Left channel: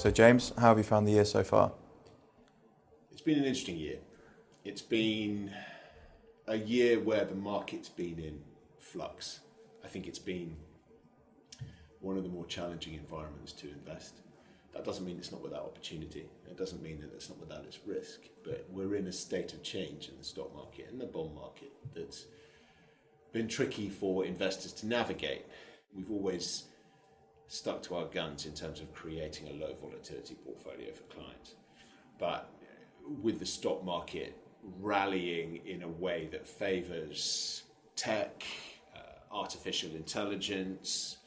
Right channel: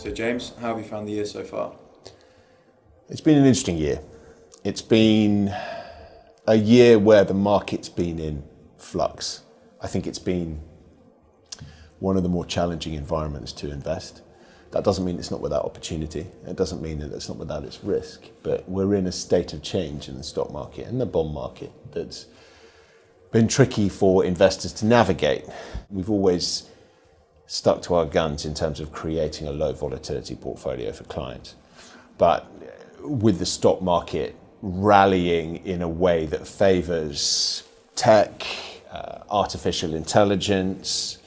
So James, how have you found the year so far? It's been an interesting year. It's been a year where the market's been in flux. I think it's been one of the more challenging environments to invest. That doesn't mean it's not without opportunity. It doesn't mean that it's not without its risk. But we're in a state of change in the stock market and the bond market that's been tricky for investors to navigate. We've always stuck to our guns in terms of creating a low volatility portfolio for clients. But with the stock market rallying in a way that favors tech, artificial intelligence,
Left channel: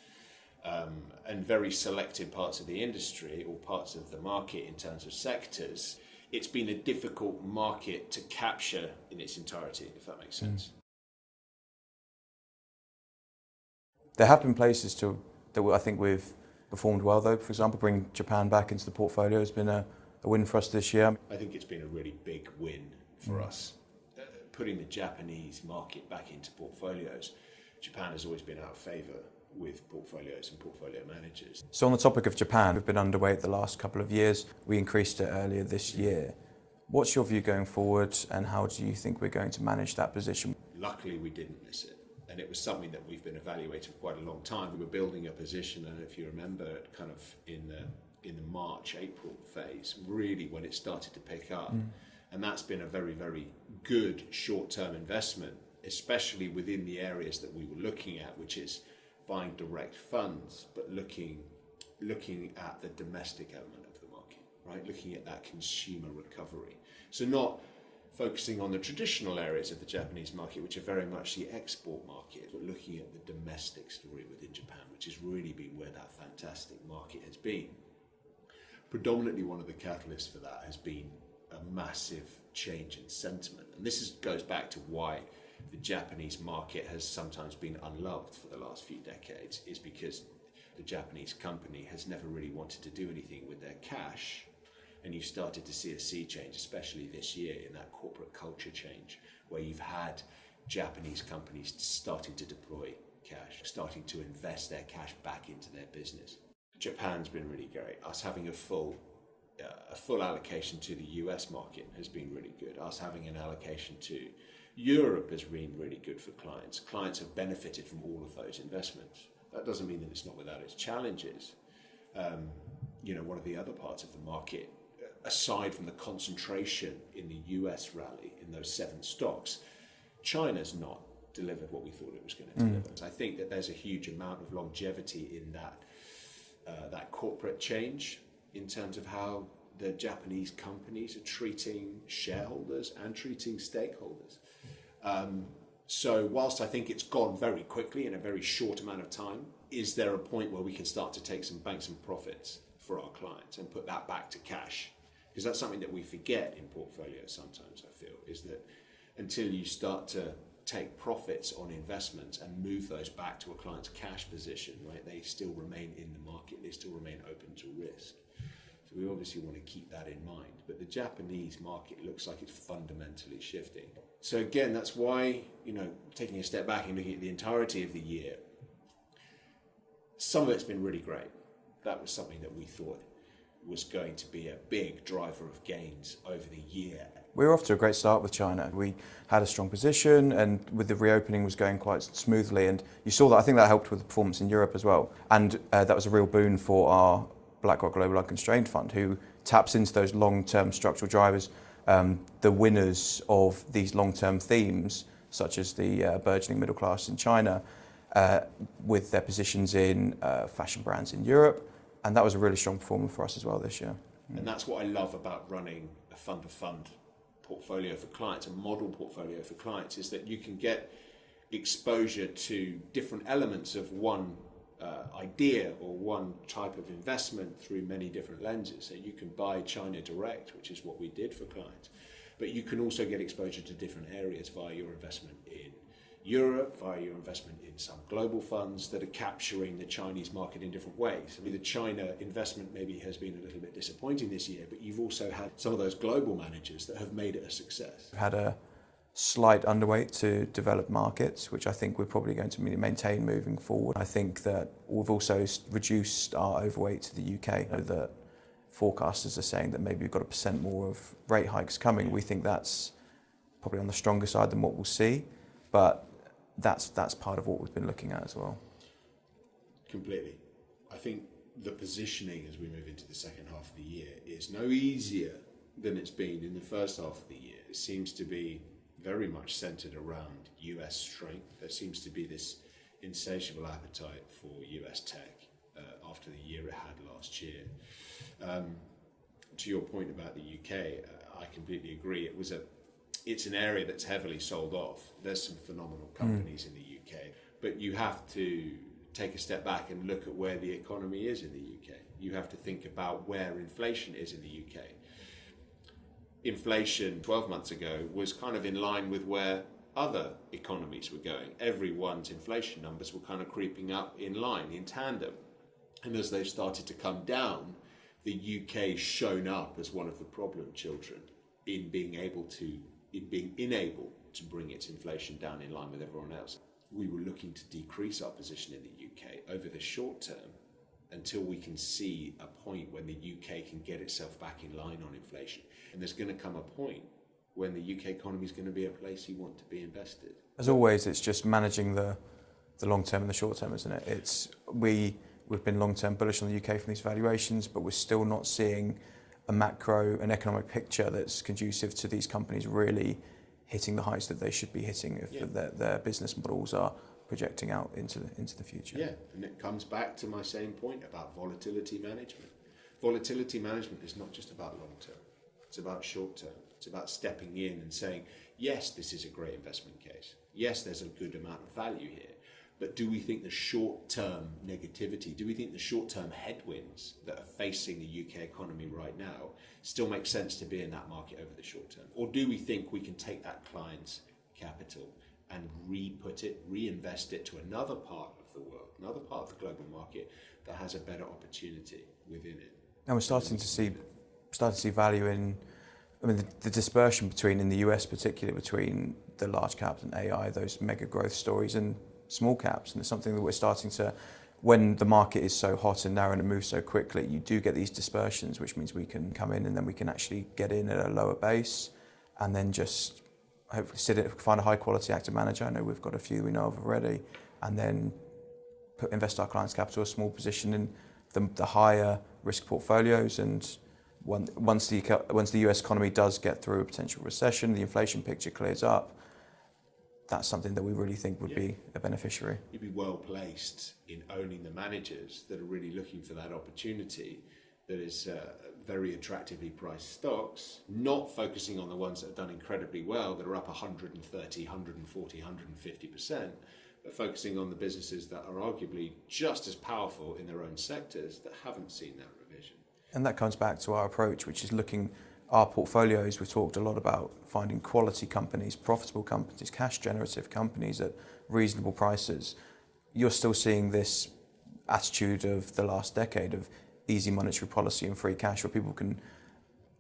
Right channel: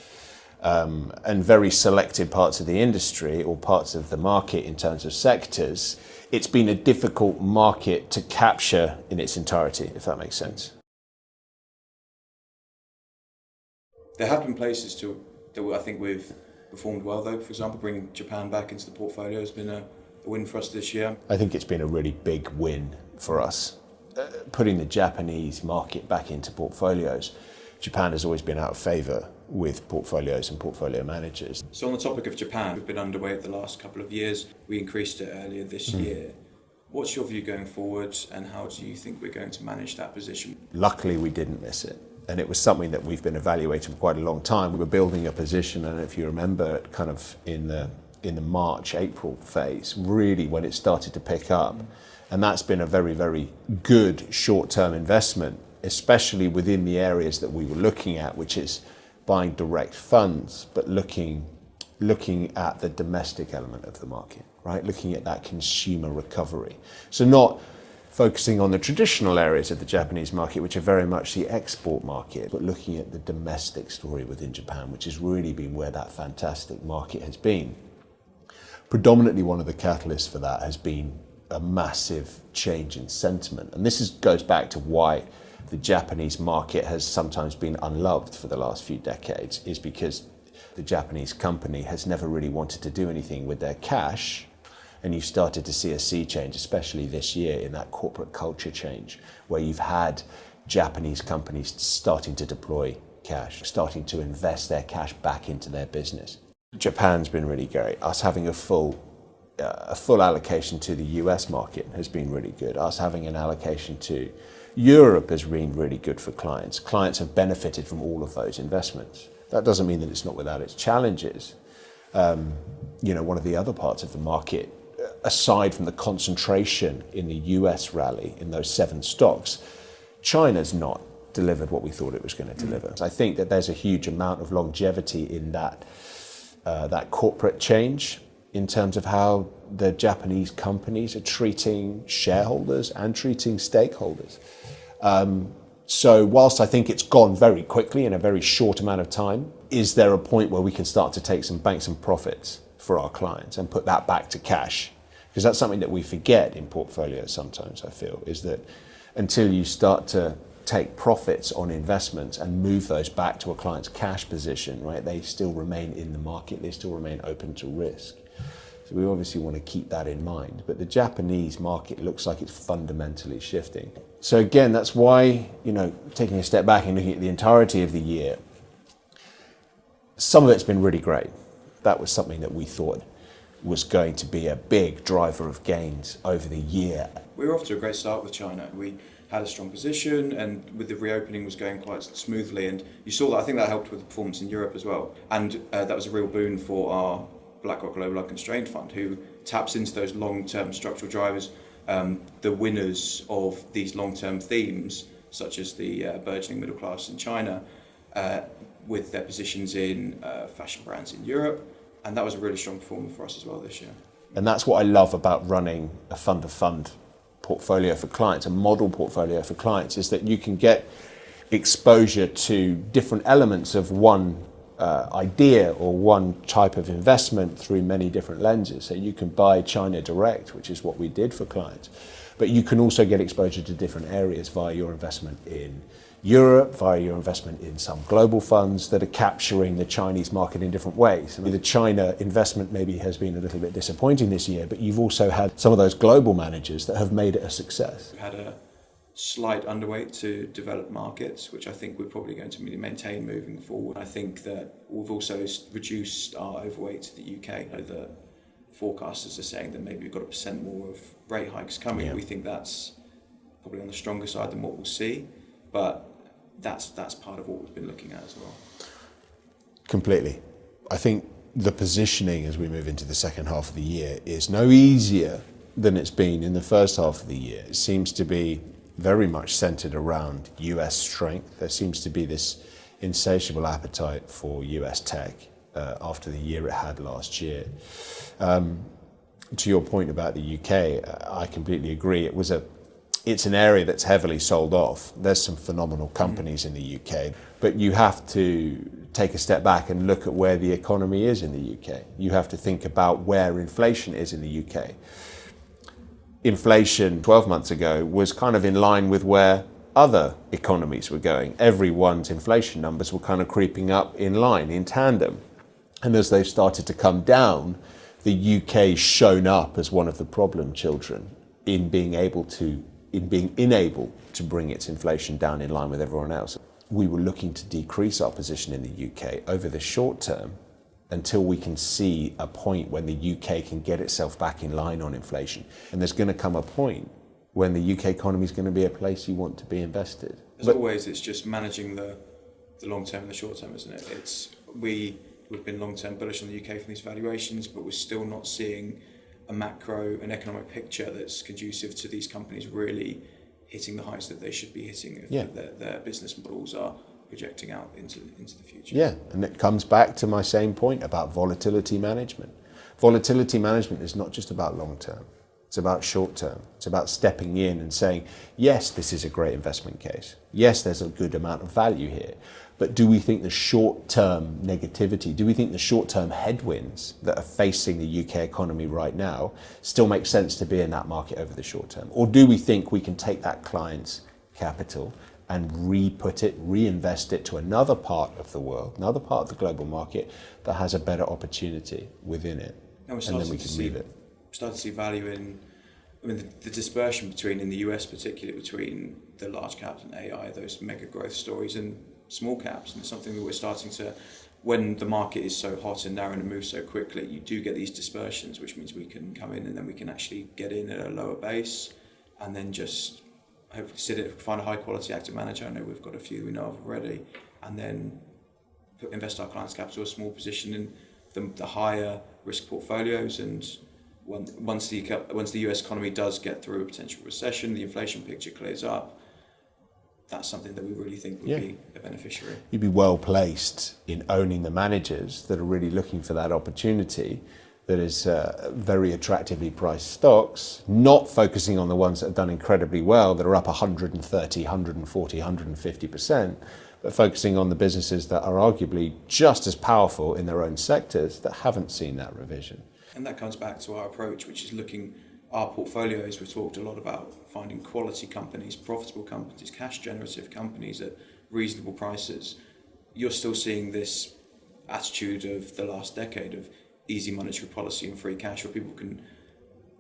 and very selected parts of the industry or parts of the market in terms of sectors, it's been a difficult market to capture in its entirety, if that makes sense. There have been places that I think we've performed well though. For example, bringing Japan back into the portfolio has been a win for us this year. I think it's been a really big win for us. Putting the Japanese market back into portfolios. Japan has always been out of favour with portfolios and portfolio managers. So on the topic of Japan, we've been underweight the last couple of years. We increased it earlier this year. What's your view going forward and how do you think we're going to manage that position? Luckily, we didn't miss it. And it was something that we've been evaluating for quite a long time. We were building a position, and if you remember, kind of in the March, April phase, really when it started to pick up. And that's been a very, very good short-term investment, especially within the areas that we were looking at, which is buying direct funds, but looking at the domestic element of the market, right? Looking at that consumer recovery. So not focusing on the traditional areas of the Japanese market, which are very much the export market, but looking at the domestic story within Japan, which has really been where that fantastic market has been. Predominantly one of the catalysts for that has been a massive change in sentiment. And this goes back to why the Japanese market has sometimes been unloved for the last few decades, is because the Japanese company has never really wanted to do anything with their cash. And you've started to see a sea change, especially this year, in that corporate culture change, where you've had Japanese companies starting to deploy cash, starting to invest their cash back into their business. Japan's been really great. Us having a full allocation to the US market has been really good. Us having an allocation to Europe has been really good for clients. Clients have benefited from all of those investments. That doesn't mean that it's not without its challenges. One of the other parts of the market, aside from the concentration in the US rally in those 7 stocks, China's not delivered what we thought it was going to deliver. So I think that there's a huge amount of longevity in that corporate change in terms of how the Japanese companies are treating shareholders and treating stakeholders. So whilst I think it's gone very quickly in a very short amount of time, is there a point where we can start to bank some profits for our clients and put that back to cash? Because that's something that we forget in portfolios sometimes, I feel, is that until you start to take profits on investments and move those back to a client's cash position, right, they still remain in the market, they still remain open to risk. So we obviously want to keep that in mind. But the Japanese market looks like it's fundamentally shifting. So again, that's why, taking a step back and looking at the entirety of the year, some of it's been really great. That was something that we thought was going to be a big driver of gains over the year. We were off to a great start with China. We had a strong position and with the reopening was going quite smoothly, and you saw that. I think that helped with the performance in Europe as well, and that was a real boon for our BlackRock Global Unconstrained Fund, who taps into those long-term structural drivers, the winners of these long-term themes, such as the burgeoning middle class in China, with their positions in fashion brands in Europe. And that was a really strong performance for us as well this year. And that's what I love about running a fund-of-fund portfolio for clients, a model portfolio for clients, is that you can get exposure to different elements of one idea or one type of investment through many different lenses. So you can buy China direct, which is what we did for clients, but you can also get exposure to different areas via your investment in Europe, via your investment in some global funds that are capturing the Chinese market in different ways. The China investment maybe has been a little bit disappointing this year, but you've also had some of those global managers that have made it a success. We've had a slight underweight to developed markets, which I think we're probably going to maintain moving forward. I think that we've also reduced our overweight to the UK. I know that forecasters are saying that maybe you've got 1% more of rate hikes coming. Yeah. We think that's probably on the stronger side than what we'll see, but that's part of what we've been looking at as well. Completely. I think the positioning as we move into the second half of the year is no easier than it's been in the first half of the year. It seems to be very much centered around US strength. There seems to be this insatiable appetite for US tech after the year it had last year. To your point about the UK, I completely agree. It's an area that's heavily sold off. There's some phenomenal companies in the UK, but you have to take a step back and look at where the economy is in the UK. You have to think about where inflation is in the UK. Inflation 12 months ago was kind of in line with where other economies were going. Everyone's inflation numbers were kind of creeping up in line, in tandem. And as they've started to come down, the UK's shown up as one of the problem children in being unable to bring its inflation down in line with everyone else. We were looking to decrease our position in the UK over the short term until we can see a point when the UK can get itself back in line on inflation. And there's going to come a point when the UK economy is going to be a place you want to be invested. As always, it's just managing the long term and the short term, isn't it? We've been long term bullish on the UK from these valuations, but we're still not seeing an economic picture that's conducive to these companies really hitting the heights that they should be hitting if their business models are projecting out into the future. Yeah, and it comes back to my same point about volatility management. Volatility management is not just about long term, it's about short term. It's about stepping in and saying, yes, this is a great investment case. Yes, there's a good amount of value here. But do we think the short-term negativity, do we think the short-term headwinds that are facing the UK economy right now still make sense to be in that market over the short term? Or do we think we can take that client's capital and reinvest it to another part of the world, another part of the global market that has a better opportunity within it? And we're starting to see value in, the dispersion in the US particularly, between the large caps and AI, those mega growth stories, and small caps. And it's something that we're starting to, when the market is so hot and narrow and it moves so quickly, you do get these dispersions, which means we can come in and then we can actually get in at a lower base and then just hopefully find a high quality active manager. I know we've got a few we know of already, and then invest our clients' capital, a small position in the higher risk portfolios. And once the US economy does get through a potential recession, the inflation picture clears up, that's something that we really think would be a beneficiary. You'd be well placed in owning the managers that are really looking for that opportunity, that is very attractively priced stocks, not focusing on the ones that have done incredibly well, that are up 130, 140, 150%, but focusing on the businesses that are arguably just as powerful in their own sectors that haven't seen that revision. And that comes back to our approach, which is looking our portfolios. We've talked a lot about finding quality companies, profitable companies, cash generative companies at reasonable prices. You're still seeing this attitude of the last decade of easy monetary policy and free cash, where people can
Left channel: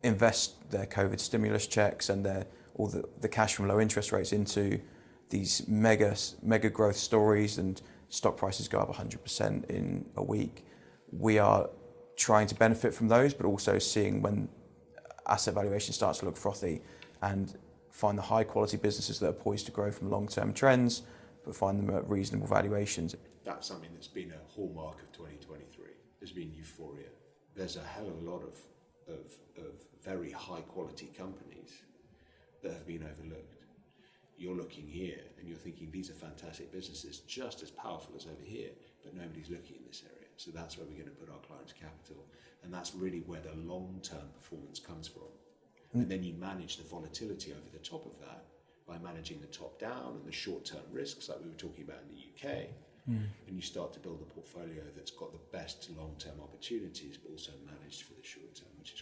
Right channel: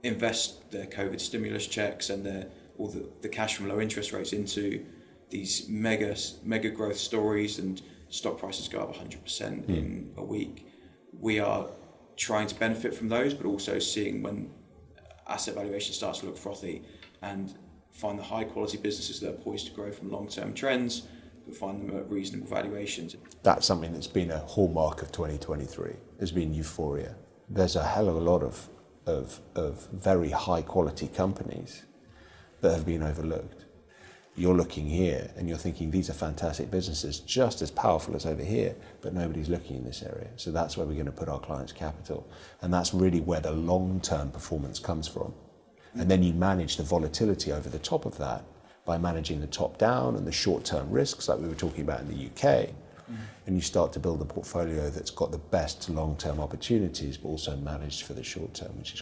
invest their COVID stimulus checks and the cash from low interest rates into these mega growth stories, and stock prices go up 100% in a week. We are trying to benefit from those, but also seeing when asset valuation starts to look frothy, and find the high quality businesses that are poised to grow from long-term trends, but find them at reasonable valuations. That's something that's been a hallmark of 2023, has been euphoria. There's a hell of a lot of very high quality companies that have been overlooked. You're looking here and you're thinking these are fantastic businesses, just as powerful as over here, but nobody's looking in this area. So that's where we're going to put our clients' capital. And that's really where the long-term performance comes from. And then you manage the volatility over the top of that by managing the top down and the short-term risks like we were talking about in the UK. And you start to build a portfolio that's got the best long-term opportunities, but also managed for the short term, which is